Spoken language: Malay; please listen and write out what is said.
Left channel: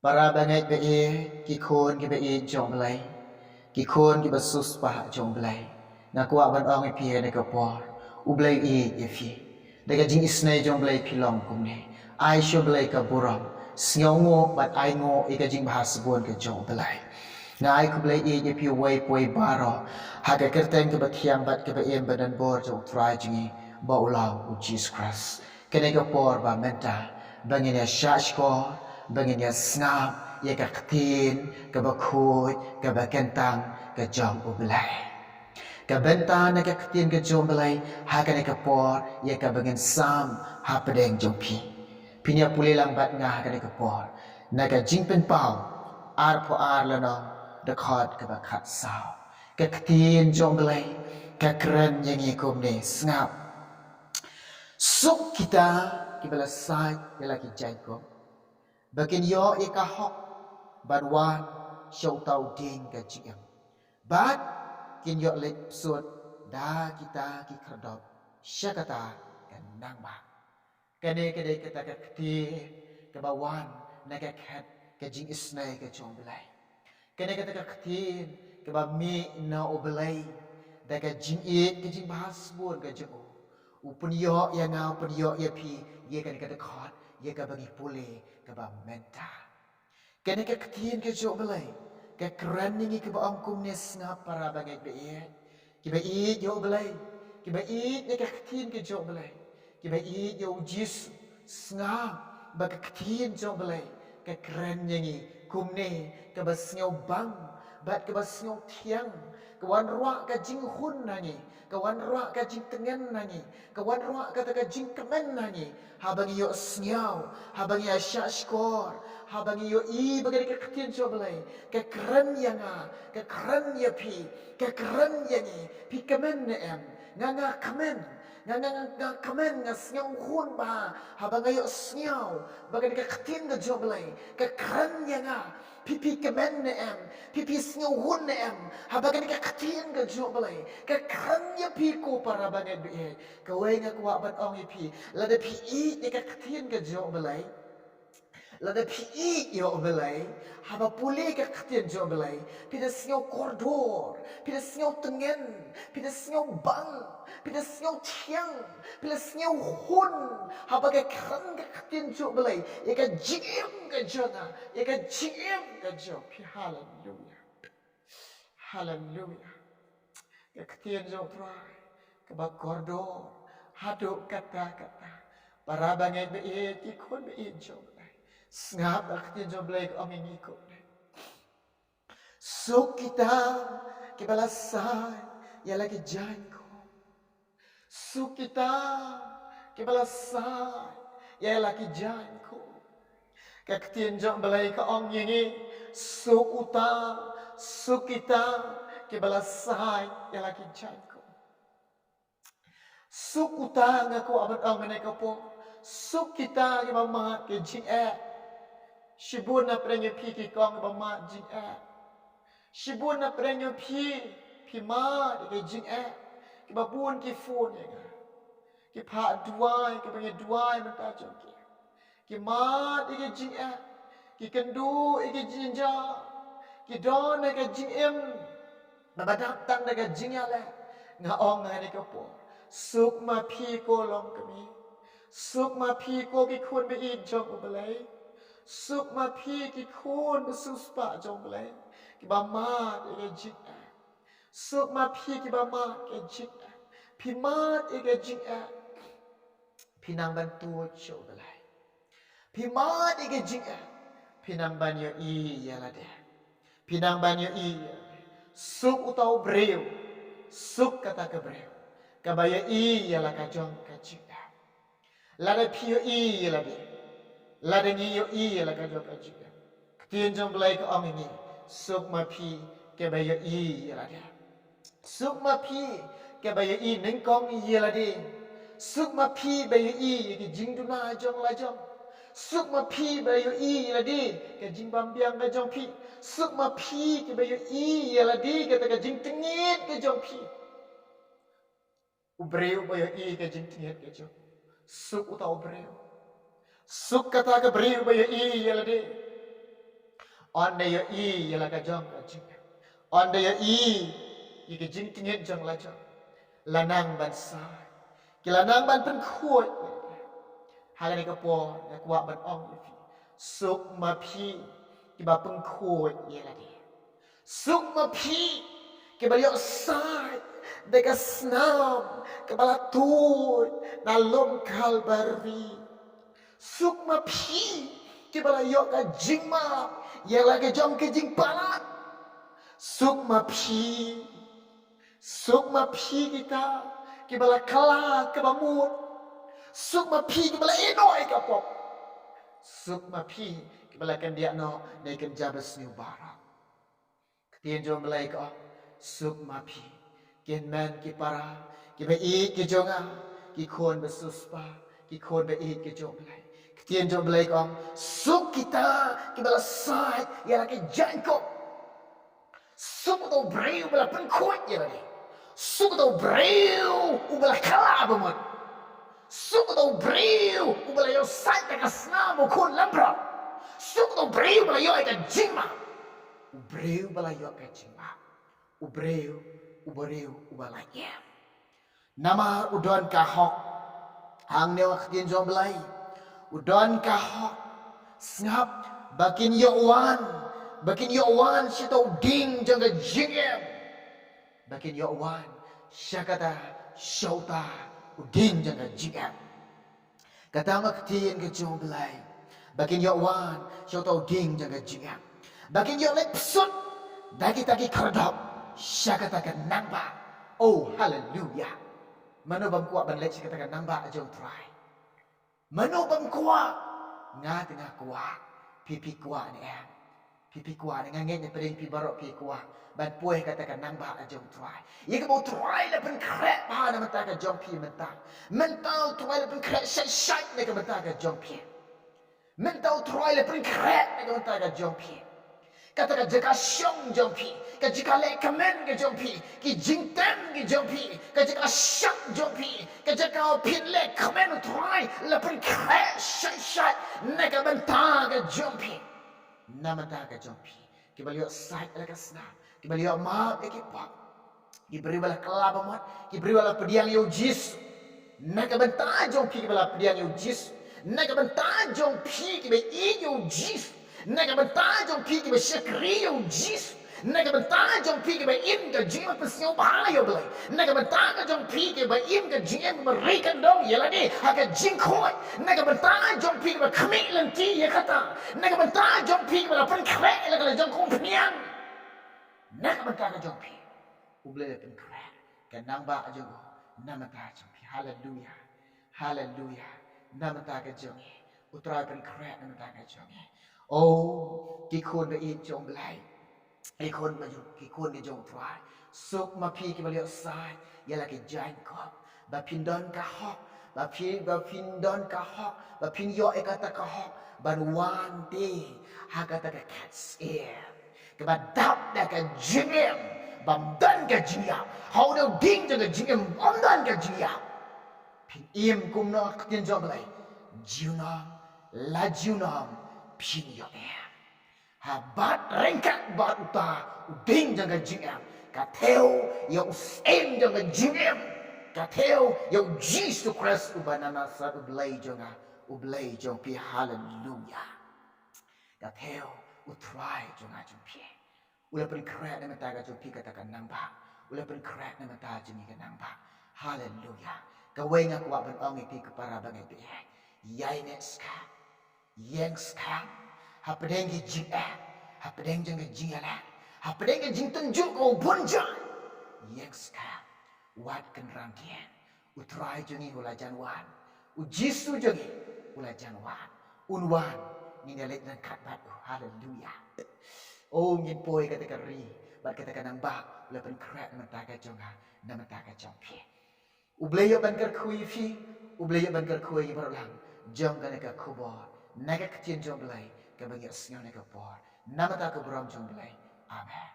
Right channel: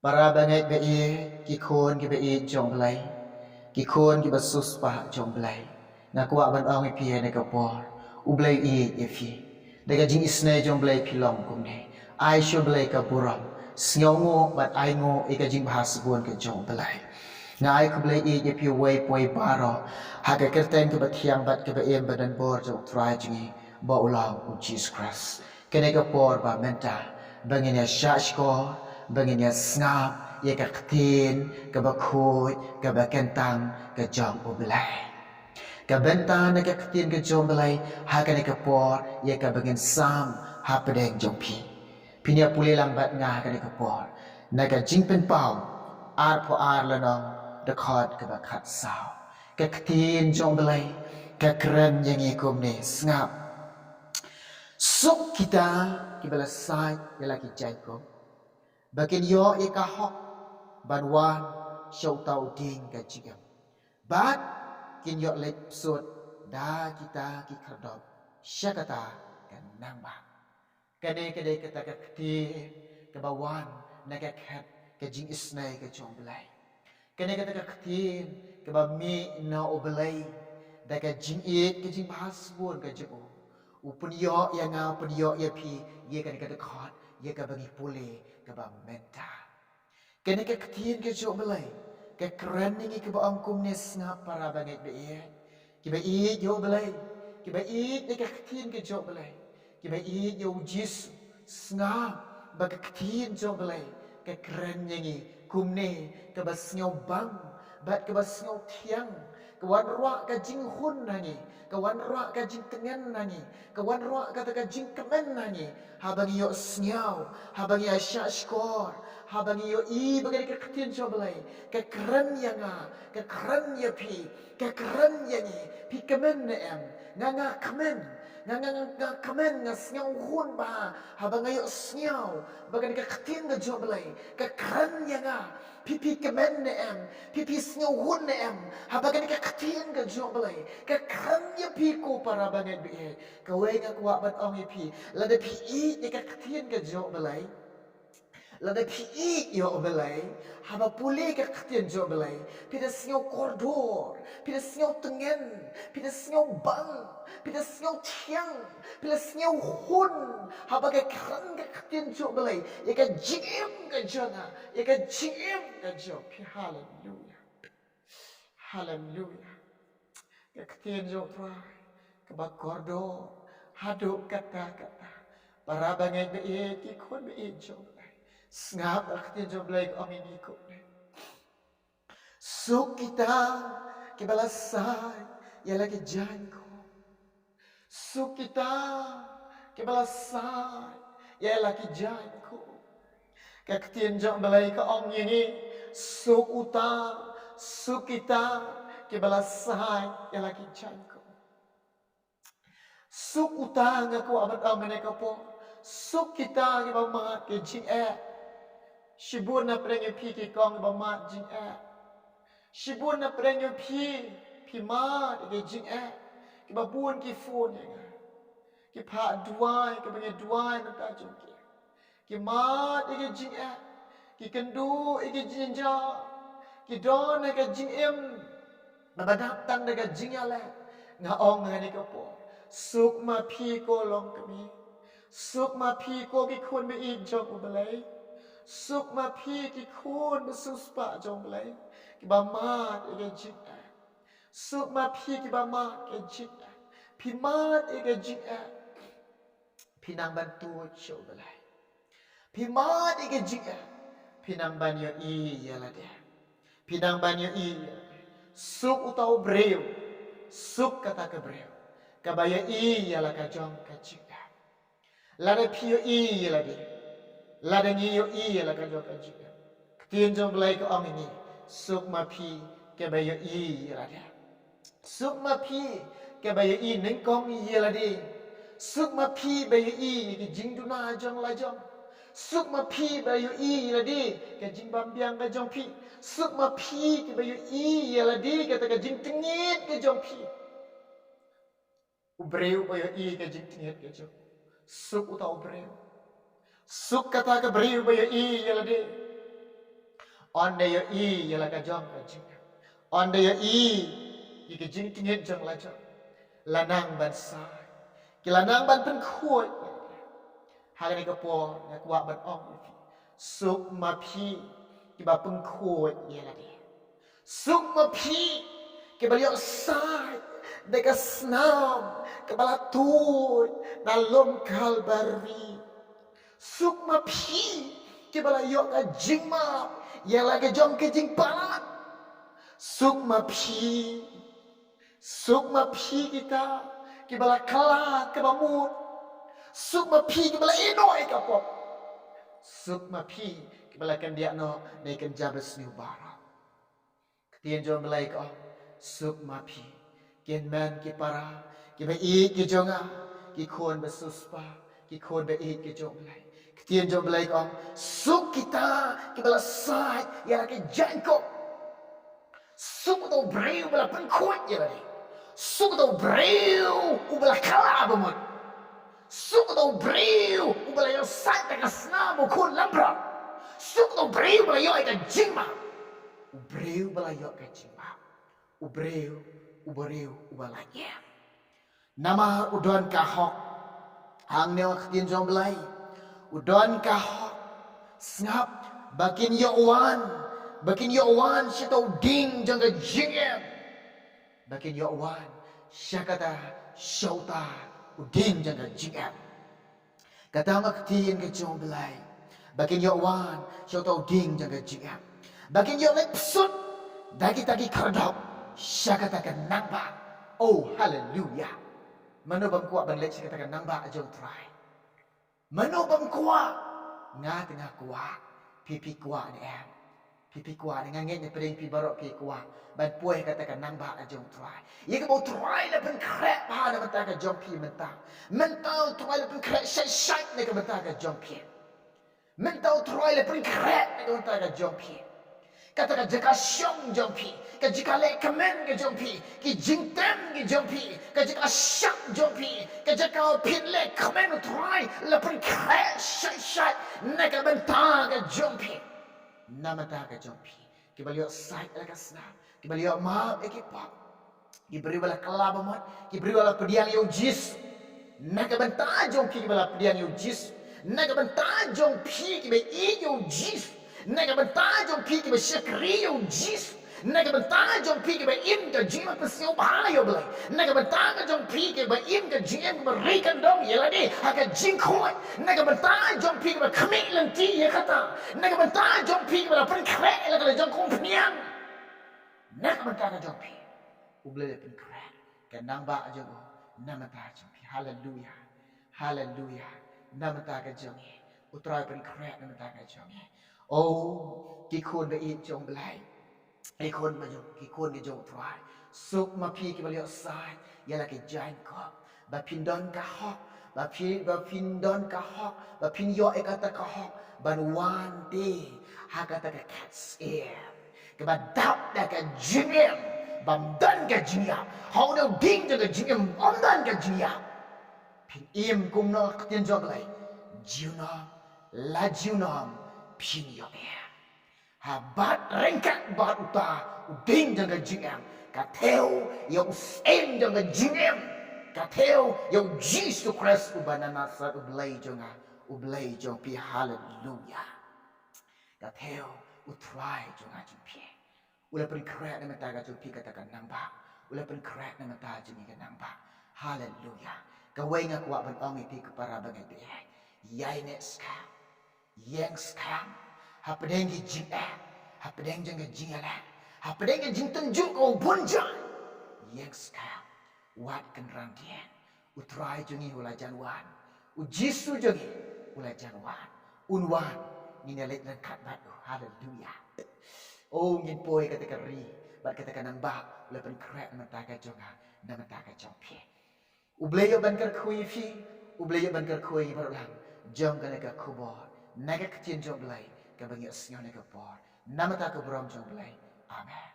Para bangai be ki khôn ki be jong blai ki khôn ki basus pa jong blai na kwa ban ong pi ne ka por u blai e fi daga jing isnai jong blai pi long kum ne ai sho blai ka buram sngo ngo bat ai ngo e ka jing bahas bon ka jong blai ngai ku blai e pi wai poi baro ha ka kerteng ka bathiang bat ka ba em badan bor jong trai jingi ba ulau u Jesus Christ kene ka por ba menta bangin ya shashkor bangin ya ngap ya ka ktin ka ba khoi ka ba kentang ka jom ublai ka benta na ka ktin ka jom belai ha ka ne ka por ya ka bangin sam ha pedeng jom pi pinya pule lambat ngah ka ne ka por na ka jing pen pau ar po ar la no da khot ka ba khat sao ka ktin jom belai ka kren yang ikum ne ngap suk kita kibala sai ya lagi jai ko bakin yo e ka hok banwan show tau ding ka jigam bat kin yo lek sut da kita ki kerdop syakata kan nang ba kane kade kata ka kti ka bawan na ka khat ka jing isnai ka chong belai kane kata ka kti ka ba mi na obelai da ka jing e ka jing bahas bun ka jing upun yo ya ngau pun yo ya pi ye kan kata khot ye ka bagi pule ka ba menta kene ka ktin ka jo belai ka kranning ka ba angkum ne snap para bangai be ye ki ba i yo belai ki ba i ne ka ktin ka jo belai ki ba i yo jis snap ba ka ktin jo belai ka kranning kumne ka ba snyo bang bat ka ba snyo thiang ka wan ruak ka jing hun nangi ka wan ruak ka jing tengen nangi ka wan ruak ka ta ka jing kemen nangi habang yo snyau habang ya shashkor habang yo i bagai ka ktin jo belai ka kran yanga ka kran ya pi ka kran yangi pi kemen ne em nga kemen nga kemen nga snyau hun ba habang yo snyau bagai ka ktin ga jo belai ka kran yanga pipi kemen ne em pipi snyau hun ne em habagan ka ktin ga jo belai ka kran ya pi ko para bangai bi ka wenga kwa ban ong ya pi la de pi i ka ktin ga jo belai lada pi yo belai haba pule ka khtien jo belai pida snyo kordor pida snyo tengen pida snyo bang pida snyo thiang pida snyo hun haba ka kran ka khtien jo belai ya ka jim ka jona ya ka jim ka jo pi hallelujah hallelujah ka khtien jo tra ka ba kordor hadu kata para bangai be ki khon be jo ngap akhirnya joblay ko ang ingiko. So kita kibalasay yala ki jan ko. So kita kibalasay yala ki jan ko. Kaktian joblay ko ang ingi. So uta so kita kibalasay yala ki jan ko. So uta nga ko amat ang manay ko po. So kita kibamat ki jing Shibun na prenyo pi ki kong ba ma jing Shibun na prenyo pi ma de jing ki ba bun ki phone ya nga. Ki pa duai ki ba duai man ta jong ki. Ki ma de jing ki kendu ki jinja. Ki don na ka jing na badap tang na ka jing ya le. Nga ong nga ni ka po. Suk ma pi ko long kami. Suk ma pi ko ki kun be i jong ubalay. Suk ma pi ki kun besus pa jong belai ki ba ma ke jik suk ma pi ki ba ma ke jik pi ma ke jik pinang ban tu cho belai pi ma ke jik pinang ban yo i ya la de pinang ban yo i suk utau breu suk kata ke breu ka ba yo i ya la ka jong ka jik la de pi yo i ya la de Ladang iyo iya la kanjo kanjo. Ketien jom belai ke ong ini. Suk ma pi ke bayo iya la dia. Suk ma pi ke bayo i nengkong iya la dia. Suk ma pi bayo i ke jing duna jong la jong. Suk ma pi bayo i la dia ke jing bambiang ke jong pi. Suk ma pi ke bayo i la dia ke ta ke jing tengit ke jong pi. Ubreu bayo i ke jing tengit ke jong. Suk utau breu. Suk kata ke beriu bayo i yala de. On day y là cái jong cái jing. On day y cái jing tingit jong la jong. Lanang ban sai. Ki lanang ban pen khuoi. Haga ni kapo na kuwa ban ong ifi. Suk ma phi ki ba pen khuoi ye la dia. Suk ma phi ki ba liok sai. Deka snam ke bala tuoi na lom kalbari. Suk ma phi ki bala yok ka jing ma yang la ke jong ke jing palat. Suk ma phi kita ki bala kala ke bamut. Suk ma phi ki bala enoi ka pop. Suk ma phi ki bala kan dia no ne kan jabas new bara. Ketien jom belai ka suk ma phi kian man ki para ki ba i ki jonga ki khon ba suspa ki khon ba i ki jom belai. Ketien jom belai ka suk kita ki bala sai ya la ke janko. Suk to breu bala pen khoi ya la ni. Suk to breu u bala kala ba mot. Suk to breu u bala yo sai ta ka sna mo khon lambra. Suk to breu bala yo ka jingma. U breu bala yo ka jingma. U breu u bala ya. Nama udon ka hok hang ne ketien jom belai. Udon ka hok snap bakin yo wan sito ding jangga jingem. Bakin yo wan syakata syauta uding jangga jingem. Kata mak ketien ke jom belai. Bakin yo wan syauta uding jangga jingem. Bakin yo lek psut daki kerdop syakata ke nangba. Oh hallelujah. Mano bam kuat ban lek syakata ke nangba jong try. Mano bam kuat nga tengah kuat pipi kuat ni em. Pipi kuat ni nganget ni peding pi barok pi kuat. Ban puai kata ke nangba jong try. Ye ke bau try le pen krek pa na mentah ke jong pi mentah. Mentau try le pen krek syat ni ke mentah ke jong pi. Mentau try le pen krek ni ke mentah ke jong pi. Kata ka jaka syong jong pi, ka jika le kemen ke jong pi, ki jingtem ke jong pi, ka jika syak jong pi, ka jaka pin le kemen utrai, lepen kre syat neka benta ke jong pi. Na benta ke jong pi. Ki baliok sait ala ka senam, ki baliok maaf ekipap. Ki beri bala kelaba mot, ki beri bala pediang yo jis. Neka benta jong pi ki bala pediang yo jis. Neka benta jong pi ki be i yo jis. Naga bentah jom pi ki ba syakri yo jis. Naga bentah jom pi ki ba im ka jim pa siyo bahayo belai. Naga bentah jom pi ki ba im ka jim ba rikan dong ya lagi haka jing khoi. Naga bentah jom pi ki ba khamik lanti ya kata. Naga bentah jom pi ki ba pen krek la kala jong kong pniang. Naga bentah jom pi. Uble le pen krek. Kan nang ba jong namata jom pi. Hallelujah. Hallelujah. Namata ka jong. Utrai pen krek namata ka jong. Oh, ki khôn ba i jong belai. Ki khôn ma jong, ki khôn ke jong try. Suk ma pi ki baliok sai, ya la ke jain kop. Ba pin don ka hok, ba pin don ka hok, ba pin yo e kata ka hok, ban wan te ha kata ka cat's ear. Ke ba dap da ka jingem, bam dan ka jingya. Hau no ding jang ka jingem, om dan ka jingya. Pin im kum no ketien jong belai. Jiunam, la jiunam. Pin yo em ha bat rengkat bat uta uding jangga jingem ka theo yo usem jangga jingem ka theo yo Jesus Christ ubanana sat ublay jong pi hallelujah ka theo utry jonga jong pi ula pen krek na mata ka jong pi katakan namba ula pen krek na mata jong ka namba hallelujah ka wenga kuat ban ong pi ka para bangai pi yai ne ska yang sekarang hapadeng ki jing hapadeng jang jing ala hapadeng ki jing tunjuk kau bunja yang sekarang wat kenrang dia utrai jungi ula janwan ujisu jungi ula janwan unwan ni nelek dan kat bat haleluya oh ngin poi kata keri bat kata kanang ba ula pen krek mata ka jonga na mata ka jongpie ubleyo ban ker kui fi ubleyo ban ker kui baru lang jom kana ka kubor naga ketien jong belai ke bangi asnyo naga por namata ke beram jong belai amen.